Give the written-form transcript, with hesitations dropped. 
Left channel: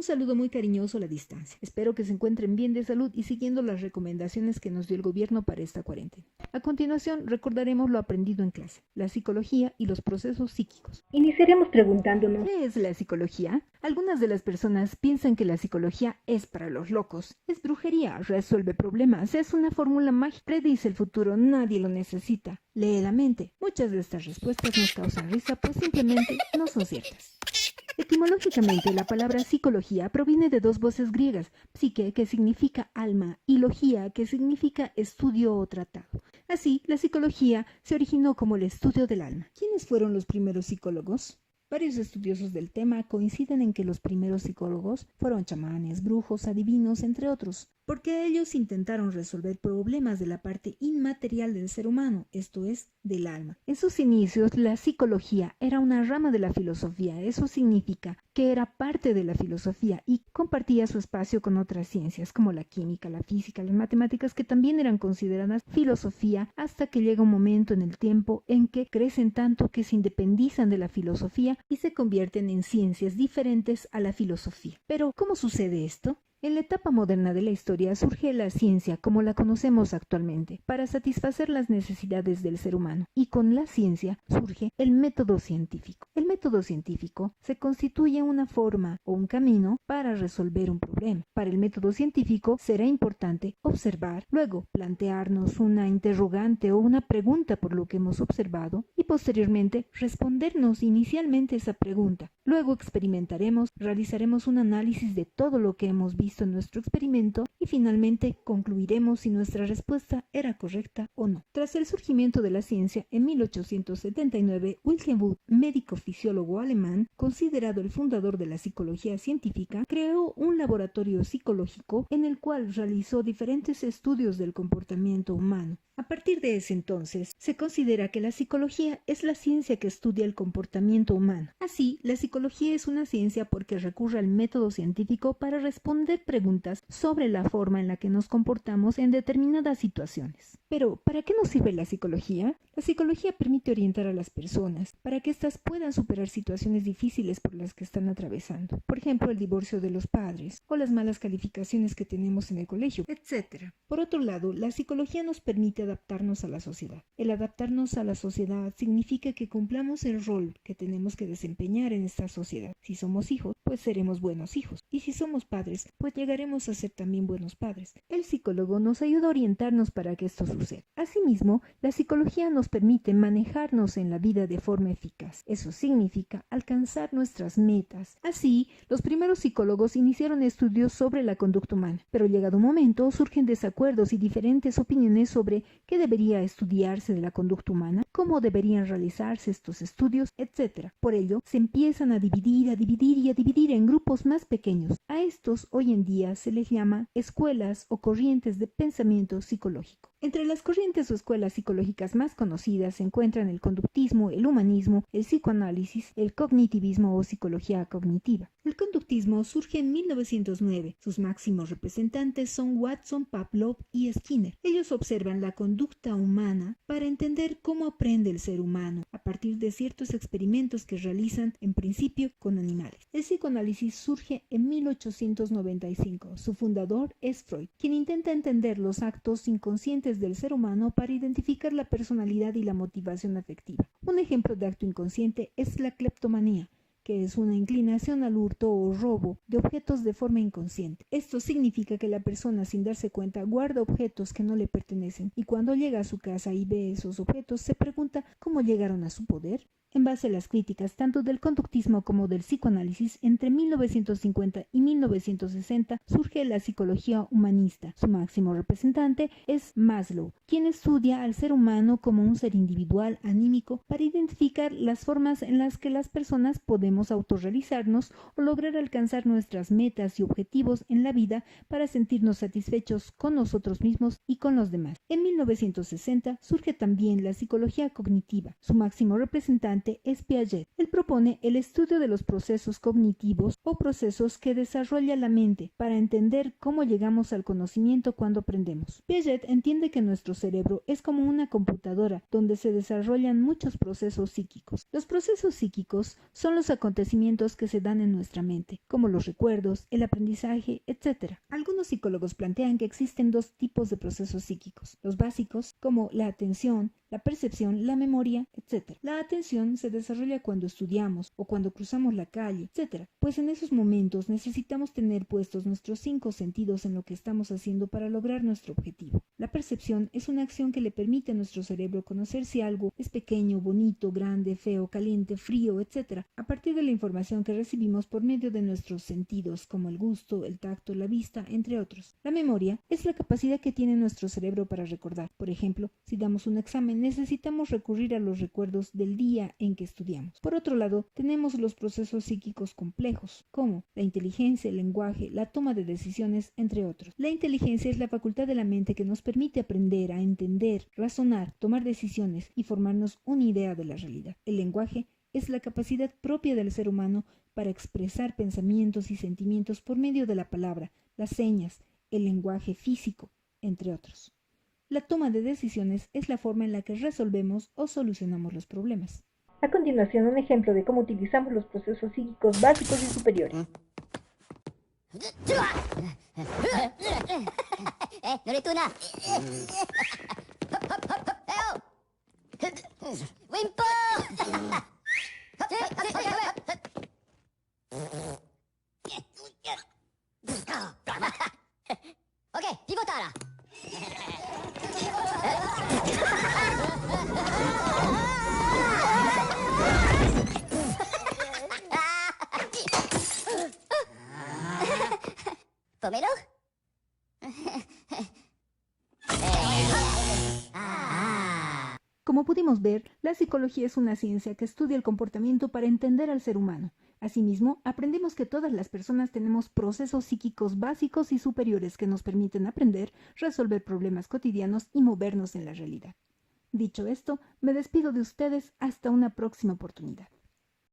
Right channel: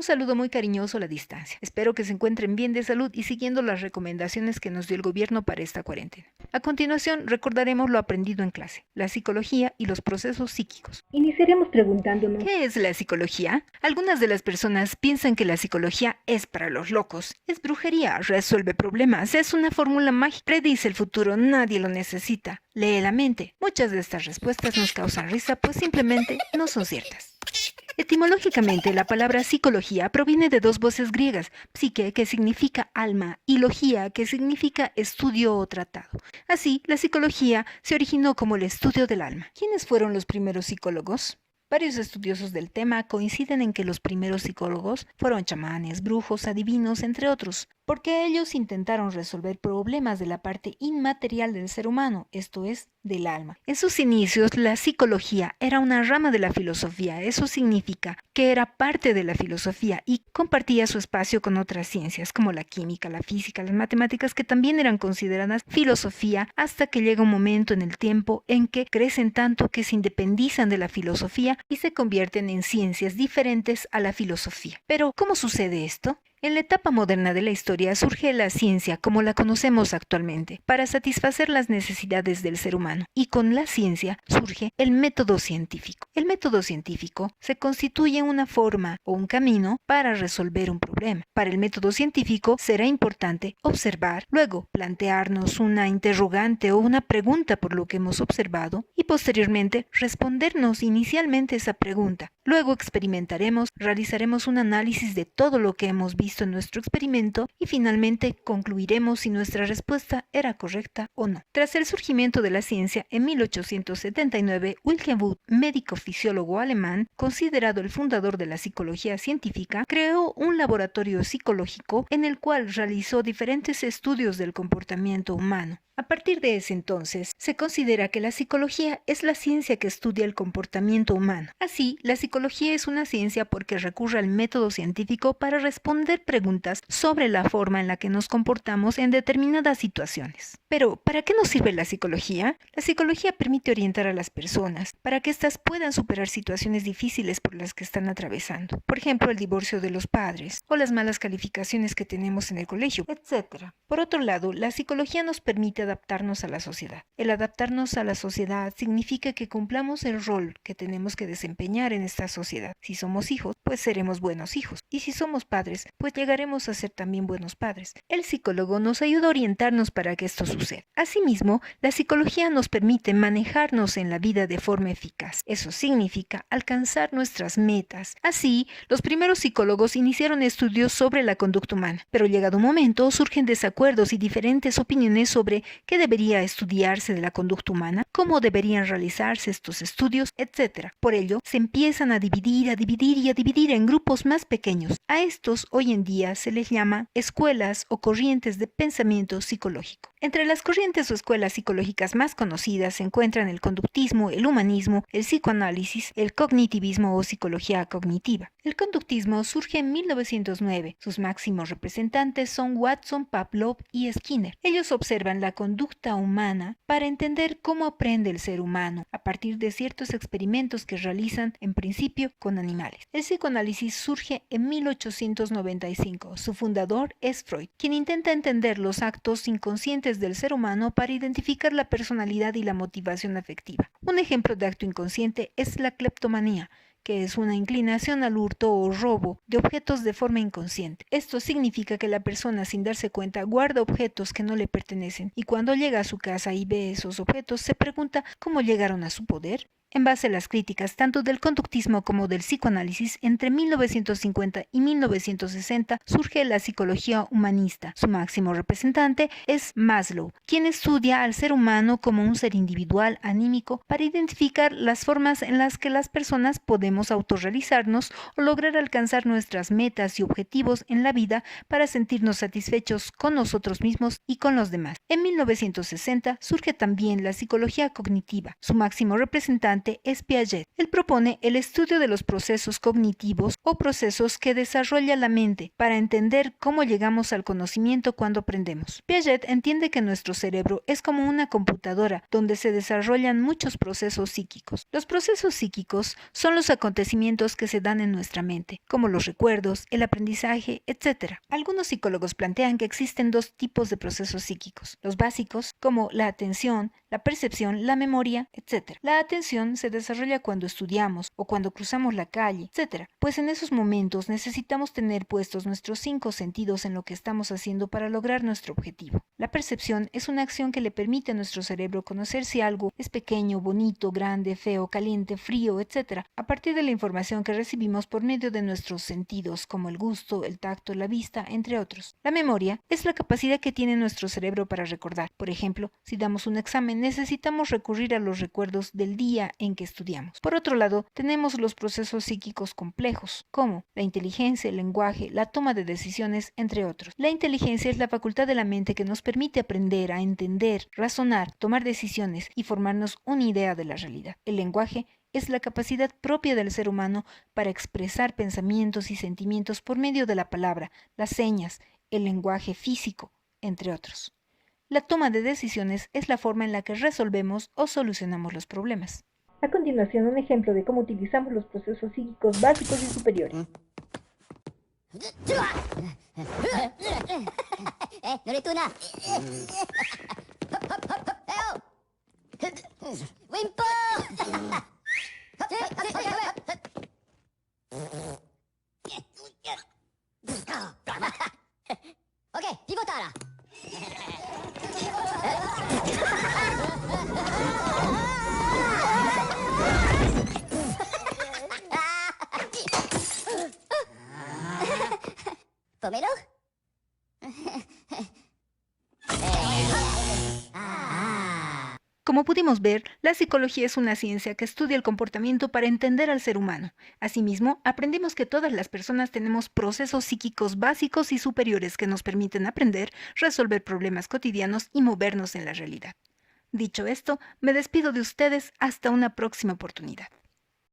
Un saludo muy cariñoso a la distancia. Espero que se encuentren bien de salud y siguiendo las recomendaciones que nos dio el gobierno para esta cuarentena. A continuación, recordaremos lo aprendido en clase, la psicología y los procesos psíquicos. Iniciaremos preguntándonos, ¿Qué es la psicología? Algunas de las personas piensan que la psicología es para los locos. Es brujería, resuelve problemas, es una fórmula mágica, predice el futuro, nadie lo necesita. Lee la mente. Muchas de estas respuestas nos causan risa, pues simplemente no son ciertas. Etimológicamente, la palabra psicología proviene de dos voces griegas, psique, que significa alma, y logía, que significa estudio o tratado. Así, la psicología se originó como el estudio del alma. ¿Quiénes fueron los primeros psicólogos? Varios estudiosos del tema coinciden en que los primeros psicólogos fueron chamanes, brujos, adivinos, entre otros, porque ellos intentaron resolver problemas de la parte inmaterial del ser humano, esto es, del alma. En sus inicios, la psicología era una rama de la filosofía, eso significa que era parte de la filosofía y compartía su espacio con otras ciencias como la química, la física, las matemáticas, que también eran consideradas filosofía, hasta que llega un momento en el tiempo en que crecen tanto que se independizan de la filosofía y se convierten en ciencias diferentes a la filosofía. Pero, ¿cómo sucede esto? En la etapa moderna de la historia surge la ciencia como la conocemos actualmente, para satisfacer las necesidades del ser humano, y con la ciencia surge el método científico. El método científico se constituye una forma o un camino para resolver un problema. Para el método científico será importante observar, luego plantearnos una interrogante o una pregunta por lo que hemos observado y posteriormente respondernos inicialmente esa pregunta. Luego experimentaremos, realizaremos un análisis de todo lo que hemos visto en nuestro experimento y finalmente concluiremos si nuestra respuesta era correcta o no. Tras el surgimiento de la ciencia, en 1879, Wilhelm Wundt, médico fisiólogo alemán, considerado el fundador de la psicología científica, creó un laboratorio psicológico en el cual realizó diferentes estudios del comportamiento humano. A partir de ese entonces, se considera que la psicología es la ciencia que estudia el comportamiento humano. Así, la psicología es una ciencia porque recurre al método científico para responder preguntas sobre la forma en la que nos comportamos en determinadas situaciones. Pero, ¿para qué nos sirve la psicología? La psicología permite orientar a las personas para que éstas puedan superar situaciones difíciles por las que están atravesando. Por ejemplo, el divorcio de los padres o las malas calificaciones que tenemos en el colegio, etc. Por otro lado, la psicología nos permite adaptarnos a la sociedad. El adaptarnos a la sociedad significa que cumplamos el rol que tenemos que desempeñar en esta sociedad. Si somos hijos, pues seremos buenos hijos. Y si somos padres, pues llegaremos a ser también buenos padres. El psicólogo nos ayuda a orientarnos para que esto suceda. Asimismo, la psicología nos permite manejarnos en la vida de forma eficaz. Eso significa alcanzar nuestras metas. Así, los primeros psicólogos iniciaron estudios sobre la conducta humana, pero llegado un momento surgen desacuerdos y diferentes opiniones sobre qué debería estudiarse de la conducta humana, cómo deberían realizarse estos estudios, etc. Por ello, se empiezan a dividir en grupos más pequeños. A estos hoy en día se les llama escuelas o corrientes de pensamiento psicológico. Entre las corrientes o escuelas psicológicas más conocidas se encuentran el conductismo, el humanismo, el psicoanálisis, el cognitivismo o psicología cognitiva. El conductismo surge en 1909. Sus máximos representantes son Watson, Pavlov y Skinner. Ellos observan la conducta humana para entender cómo aprende el ser humano a partir de ciertos experimentos que realizan en principio con animales. El psicoanálisis surge en 1895. Su fundador es Freud, quien intenta entender los actos inconscientes del ser humano para identificar la personalidad y la motivación afectiva. Un ejemplo de acto inconsciente es la cleptomanía, que es una inclinación al hurto o robo de objetos de forma inconsciente. Esto significa que la persona, sin darse cuenta, guarda objetos que no le pertenecen y cuando llega a su casa y ve esos objetos, se pregunta cómo llegaron a su poder. En base a las críticas tanto del conductismo como del psicoanálisis, entre 1950 y 1960 surge la psicología humanista. Su máximo representante es Maslow, quien estudia al ser humano como un ser individual, anímico, para identificar las formas en las que las personas podemos autorrealizarnos o lograr alcanzar nuestras metas y objetivos en la vida para sentirnos satisfechos con nosotros mismos y con los demás. En 1960 surge también la psicología cognitiva. Su máximo representante estudiante es Piaget. Él propone el estudio de los procesos cognitivos o procesos que desarrolla la mente para entender cómo llegamos al conocimiento cuando aprendemos. Piaget entiende que nuestro cerebro es como una computadora donde se desarrollan muchos procesos psíquicos. Los procesos psíquicos son los acontecimientos que se dan en nuestra mente, como los recuerdos, el aprendizaje, etc. Algunos psicólogos plantean que existen dos tipos de procesos psíquicos: los básicos, como la atención, la percepción, la memoria, etc. La atención se desarrolla cuando estudiamos o cuando cruzamos la calle, etc. Pues en esos momentos necesitamos tener puestos nuestros 5 sentidos en lo que estamos haciendo para lograr nuestro objetivo. La percepción es una acción que le permite a nuestro cerebro conocer si algo es pequeño, bonito, grande, feo, caliente, frío, etc. a partir de la información que recibimos por medio de nuestros sentidos, como el gusto, el tacto, la vista, entre otros. La memoria es la capacidad que tiene nuestro cerebro para recordar. Por ejemplo, si damos un examen, necesitamos recurrir a los recuerdos del día en que estudiamos. Por otro lado, tenemos los procesos psíquicos complejos, como la inteligencia, el lenguaje, la toma de decisiones, entre otros. La inteligencia es la facultad de la mente que nos permite aprender a entender, razonar, tomar decisiones y formarnos una idea de la realidad. El lenguaje es la capacidad propia del ser humano para expresar pensamientos y sentimientos por medio de la palabra, las señas, el lenguaje físico, entre otros. La toma de decisiones es la forma en la que resolvemos o solucionamos los problemas. A continuación, un ejemplo de cómo utilizamos los procesos psíquicos básicos y superiores. ¿Pomelo? Como pudimos ver, la psicología es una ciencia que estudia el comportamiento para entender al ser humano. Asimismo, aprendimos que todas las personas tenemos procesos psíquicos básicos y superiores que nos permiten aprender, resolver problemas cotidianos y movernos en la realidad. Dicho esto, me despido de ustedes hasta una próxima oportunidad.